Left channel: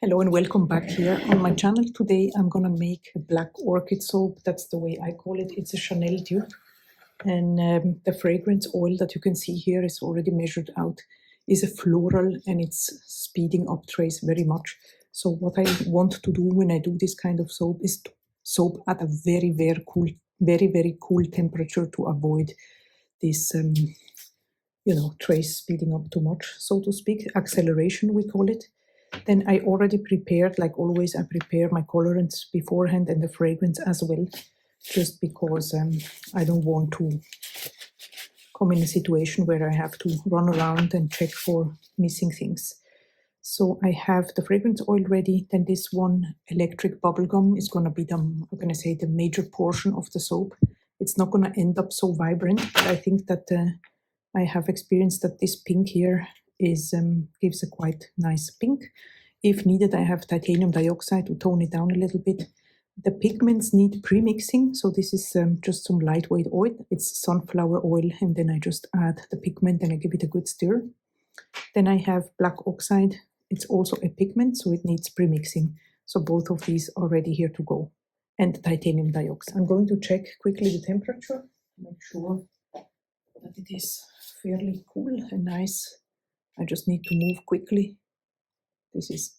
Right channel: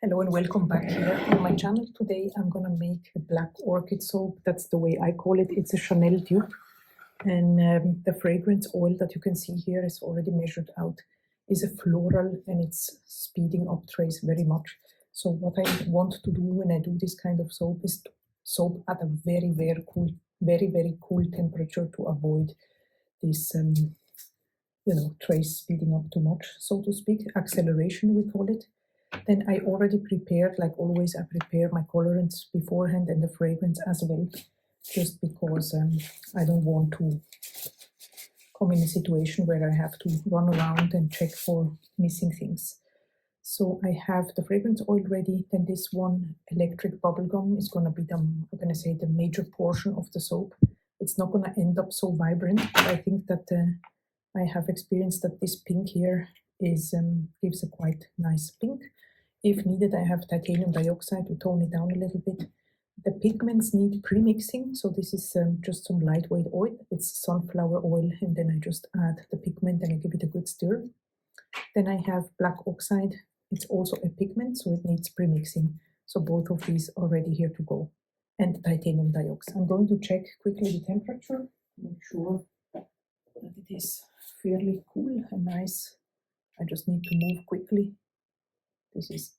Hello and welcome back here on my channel. Today I'm gonna make a Black Orchid soap. That's the way I call it. It's a Chanel dupe, and the fragrance oil that you can see here is already measured out. Is a floral and it's speeding up trace very much. So what I want to do when I do this kind of soap is to soap at a very cool temperature to avoid this trace speeding up too much, so to speak. Acceleration we call it. Then I already prepared, like always, I prepare my colorants beforehand and the fragrance as well, just because I don't want to come in a situation where I have to run around and check for missing things. So I have the fragrance oil ready. Then this one electric bubblegum is going to be the major portion of the soap. It's not going to end up so vibrant, but I think that I have experienced that this pink here is gives a quite nice pink. If needed, I have titanium dioxide to tone it down a little bit. The pigments need pre-mixing, so this is just some lightweight oil. It's sunflower oil, and then I just add the pigment and I give it a good stir. Then I have black oxide. It's also a pigment, so it needs pre-mixing. So both of these are ready here to go. And titanium dioxide. I'm going to check quickly the temperature, make sure that it is fairly cool and nice. I just need to move quickly. This is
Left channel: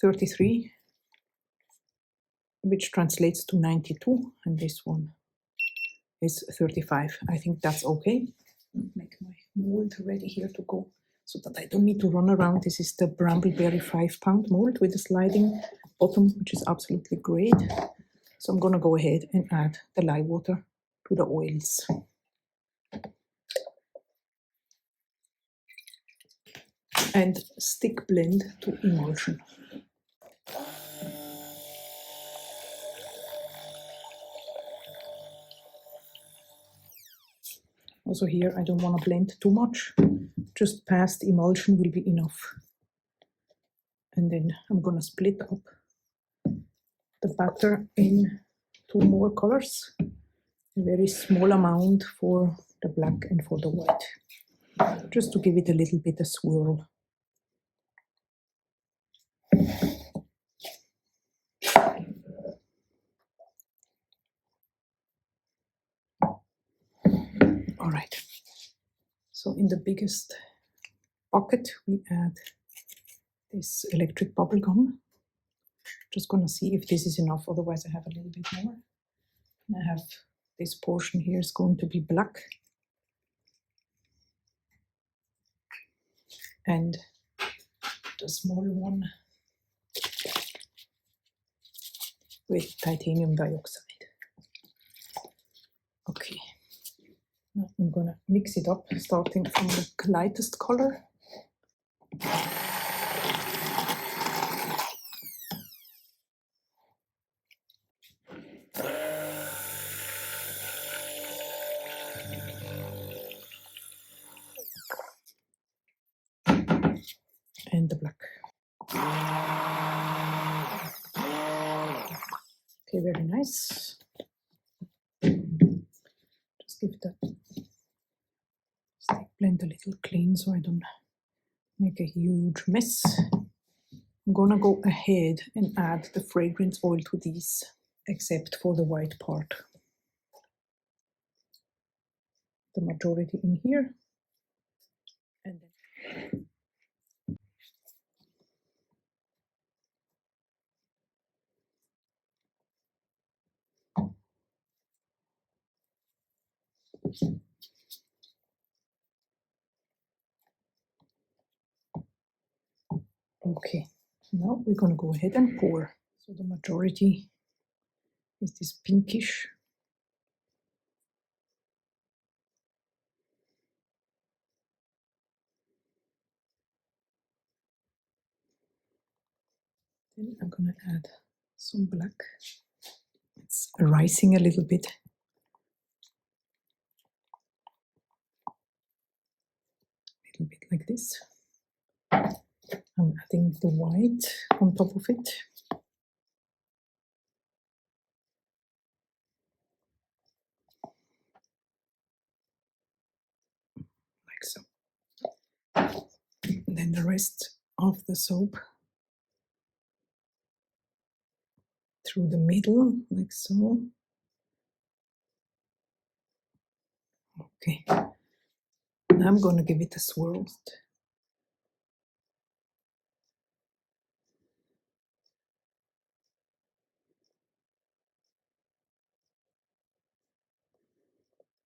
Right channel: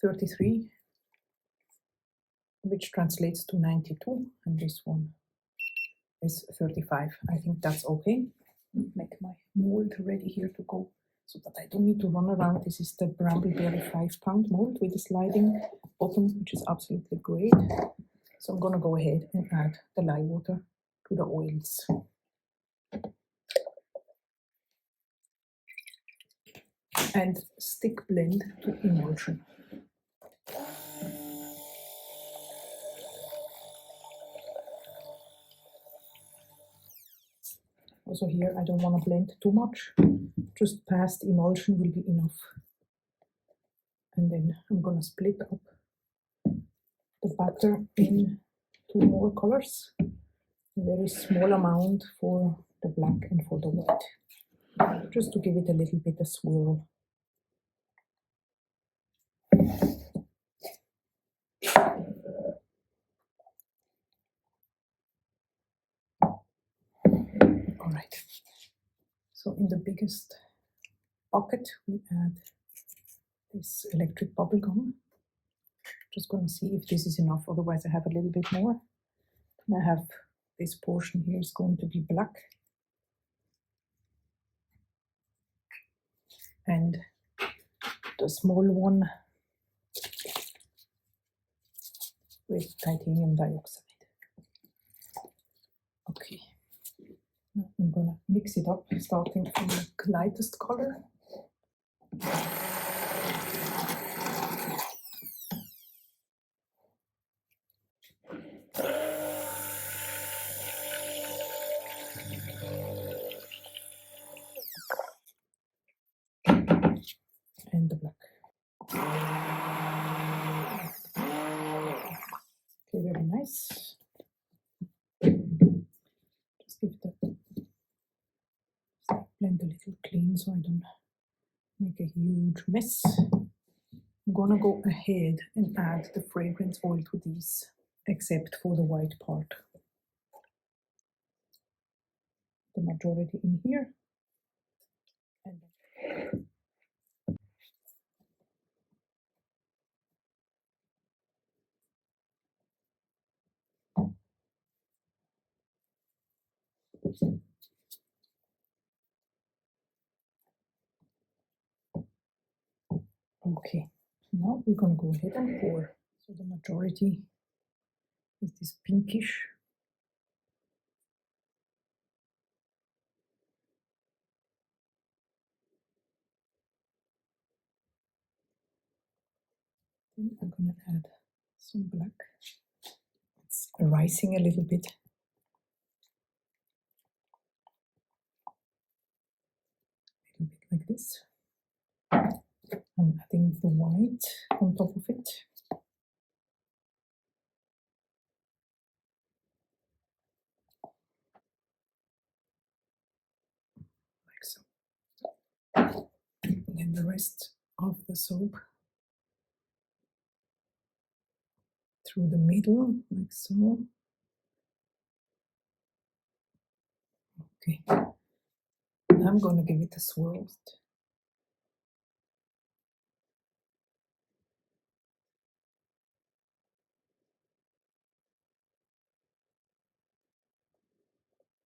33, which translates to 92, and this one is 35. I think that's okay. Make my mold ready here to go so that I don't need to run around. This is the Brambleberry 5-pound mold with a sliding bottom, which is absolutely great. So I'm going to go ahead and add the lye water to the oils. And stick blend to emulsion. Also here, I don't want to blend too much. Just past emulsion will be enough. And then I'm going to split up the batter in 2 more colors. A very small amount for the black and for the white. Just to give it a little bit of swirl. All right. So in the biggest bucket, we add this electric bubble gum. Just gonna see if this is enough, otherwise I have a little bit more. And I have this portion here is going to be black. And the small one with titanium dioxide. Okay. Now I'm gonna mix it up, starting from the lightest color. And the black. Okay, very nice. Just give the stick blend a little clean so I don't make a huge mess. I'm gonna go ahead and add the fragrance oil to these, except for the white part. The majority in here. And then okay, now we're going to go ahead and pour. So the majority is this pinkish. Then I'm going to add some black. It's rising a little bit. A little bit like this. I'm adding the white on top of it. Like so. And then the rest of the soap through the middle, like so. Okay, now I'm going to give it a swirl.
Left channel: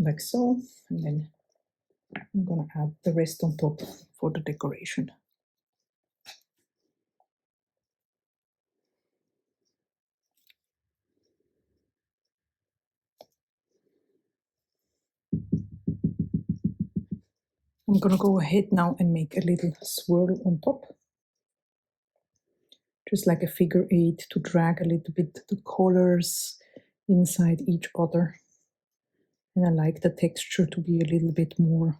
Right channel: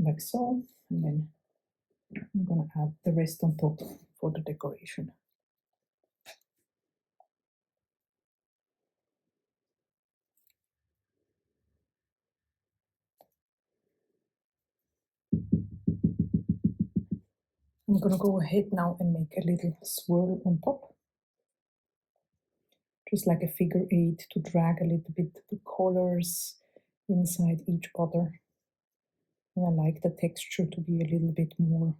Like so, and then I'm going to add the rest on top for the decoration. I'm going to go ahead now and make a little swirl on top. Just like a figure eight to drag a little bit the colors inside each other. And I like the texture to be a little bit more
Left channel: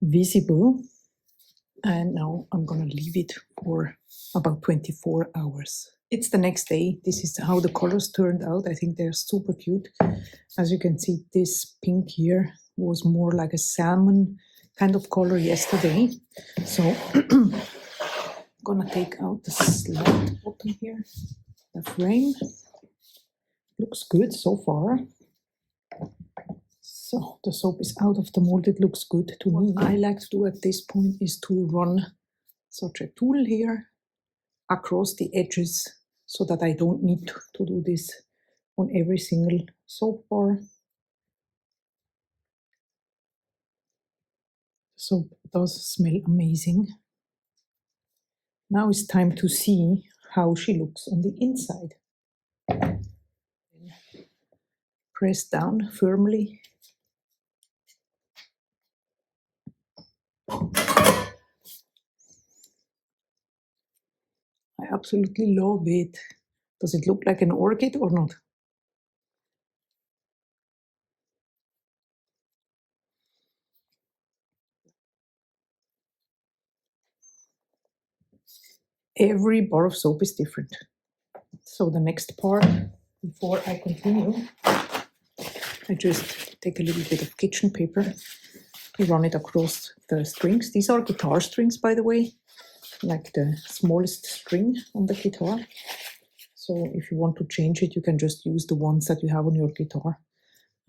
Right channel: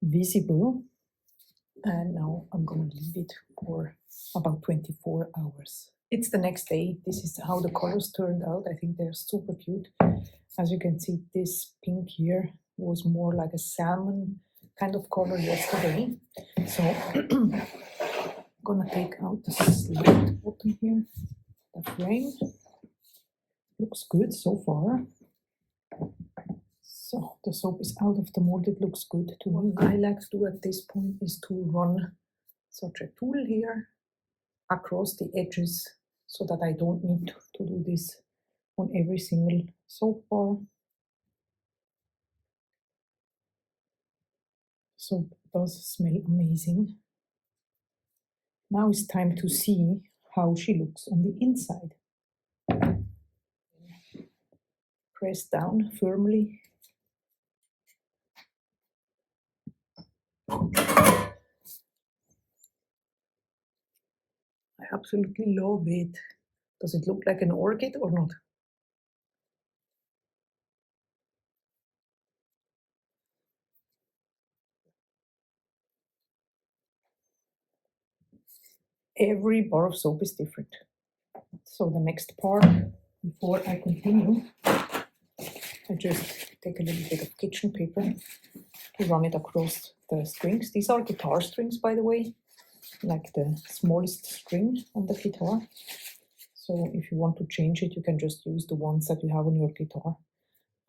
visible. And now I'm going to leave it for about 24 hours. It's the next day. This is how the colors turned out. I think they're super cute. As you can see, this pink here was more like a salmon kind of color yesterday. So I'm gonna take out the slide bottom here, the frame. Looks good so far. So the soap is out of the mold. It looks good to me. What I like to do at this point is to run such a tool here across the edges so that I don't need to do this on every single soap bar. Soap does smell amazing. Now it's time to see how she looks on the inside. Press down firmly. I absolutely love it. Does it look like an orchid or not? Every bar of soap is different. So the next part, before I continue, I just take a little bit of kitchen paper to run it across the strings. These are guitar strings, by the way, like the smallest string on the guitar. So if you want to change it, you can just use the ones that you have on your guitar.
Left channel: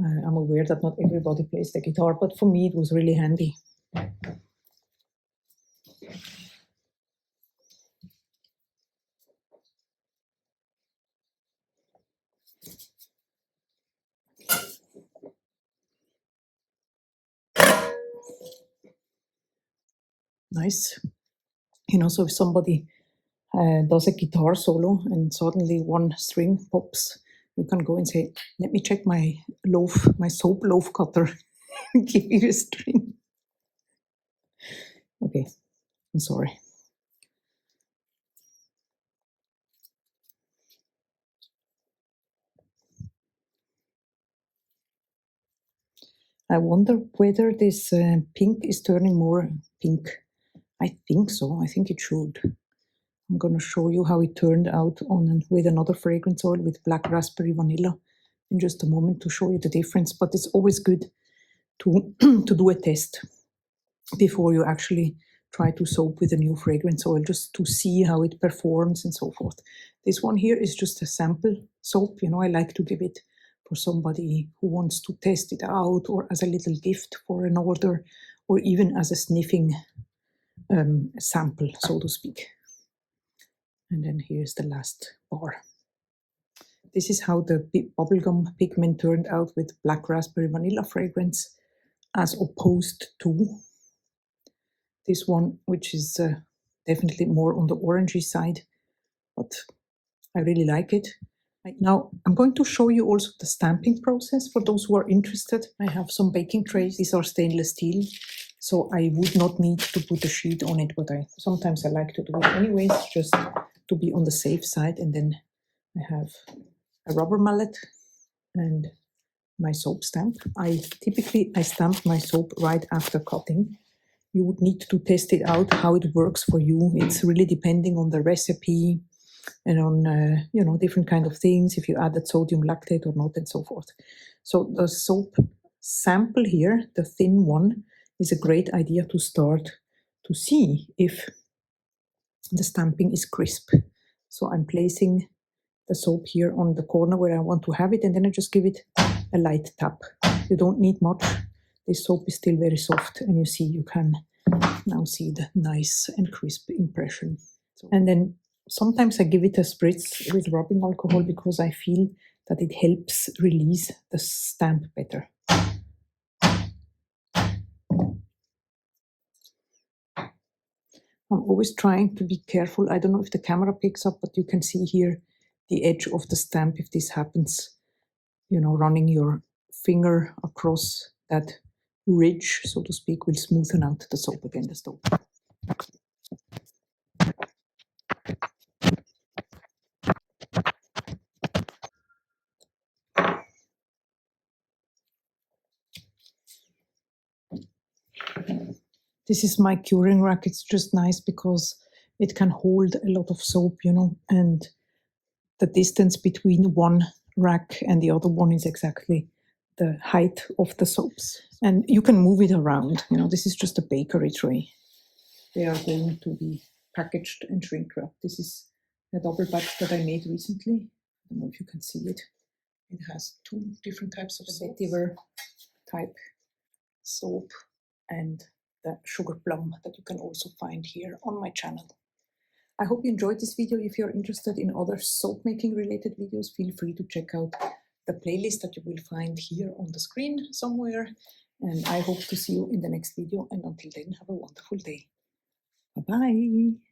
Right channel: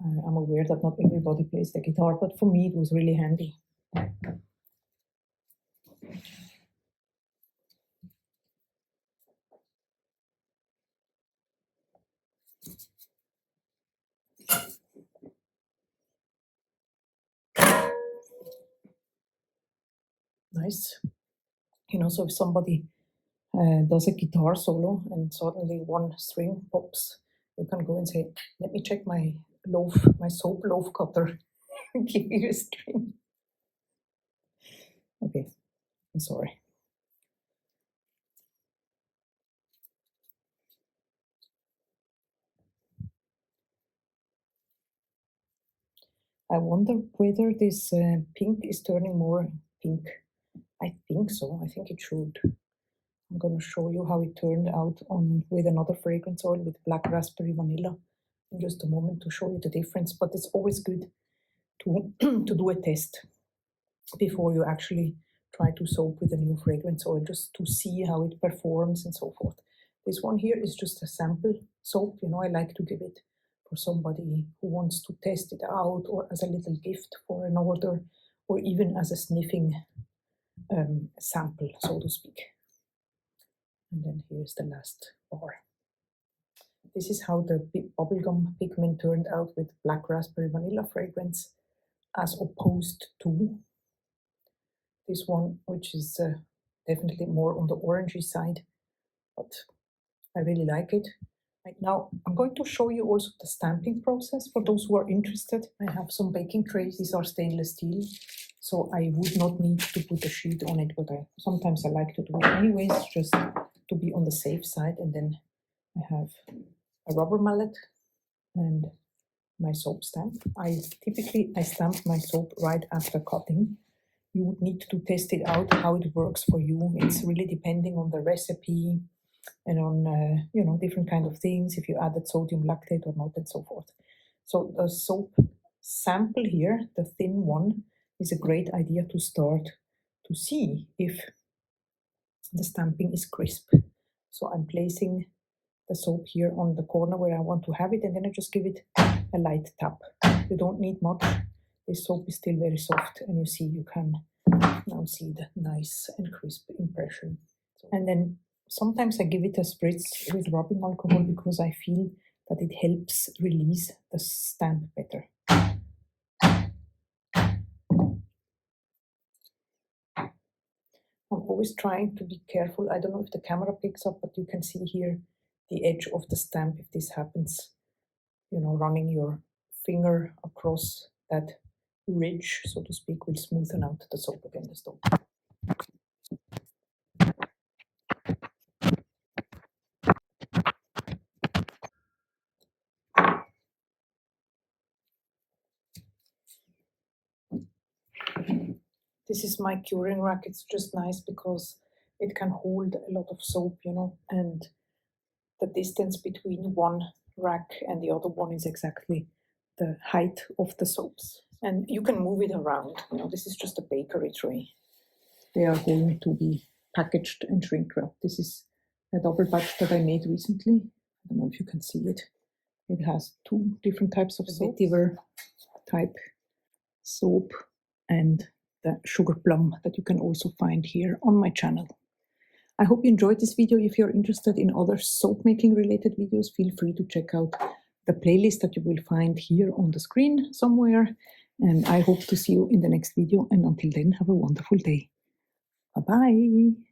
I'm aware that not everybody plays the guitar, but for me it was really handy. Nice. You know, so if somebody does a guitar solo and suddenly one string pops, you can go and say, let me check my soap loaf cutter, give you a string. Okay, I'm sorry. I wonder whether this pink is turning more pink. I think so. I think it should. I'm going to show you how it turned out with another fragrance oil with black raspberry vanilla in just a moment to show you the difference. But it's always good to to do a test before you actually try to soap with a new fragrance oil, just to see how it performs and so forth. This one here is just a sample soap. You know, I like to give it for somebody who wants to test it out, or as a little gift for an order, or even as a sniffing sample, so to speak. And then here's the last bar. This is how the bubblegum pigment turned out with black raspberry vanilla fragrance, as opposed to this one, which is definitely more on the orangey side, but I really like it. Right now, I'm going to show you also the stamping process for those who are interested. I have some baking trays. These are stainless steel, so I would not need to put a sheet on it, but sometimes I like to do it anyways, just to be on the safe side. And then I have a rubber mallet and my soap stamp. I stamp my soap right after cutting. You would need to test it out how it works for you. It's really depending on the recipe and on different kind of things, if you added sodium lactate or not, and so forth. So the soap sample here, the thin one, is a great idea to start to see if the stamping is crisp. So I'm placing the soap here on the corner where I want to have it, and then I just give it a light tap. You don't need much. This soap is still very soft, and you see, you can now see the nice and crisp impression. And then sometimes I give it a spritz with rubbing alcohol because I feel that it helps release the stamp better. I'm always trying to be careful. I don't know if the camera picks up, but you can see here the edge of the stamp if this happens. You know, running your finger across that ridge, so to speak, will smoothen out the soap again, the soap. This is my curing rack. It's just nice because it can hold a lot of soap, you know, and the distance between one rack and the other one is exactly the height of the soaps. And you can move it around. You know, this is just a bakery tray. They are going to be packaged and shrink wrapped. This is a double batch that I made recently. I don't know if you can see it. It has 2 different types of soap. Vetiver type soap and the sugar plum that you can also find here on my channel. I hope you enjoyed this video. If you're interested in other soap making related videos, feel free to check out the playlist that you will find here on the screen somewhere. And I hope to see you in the next video. And until then, have a wonderful day. Bye-bye.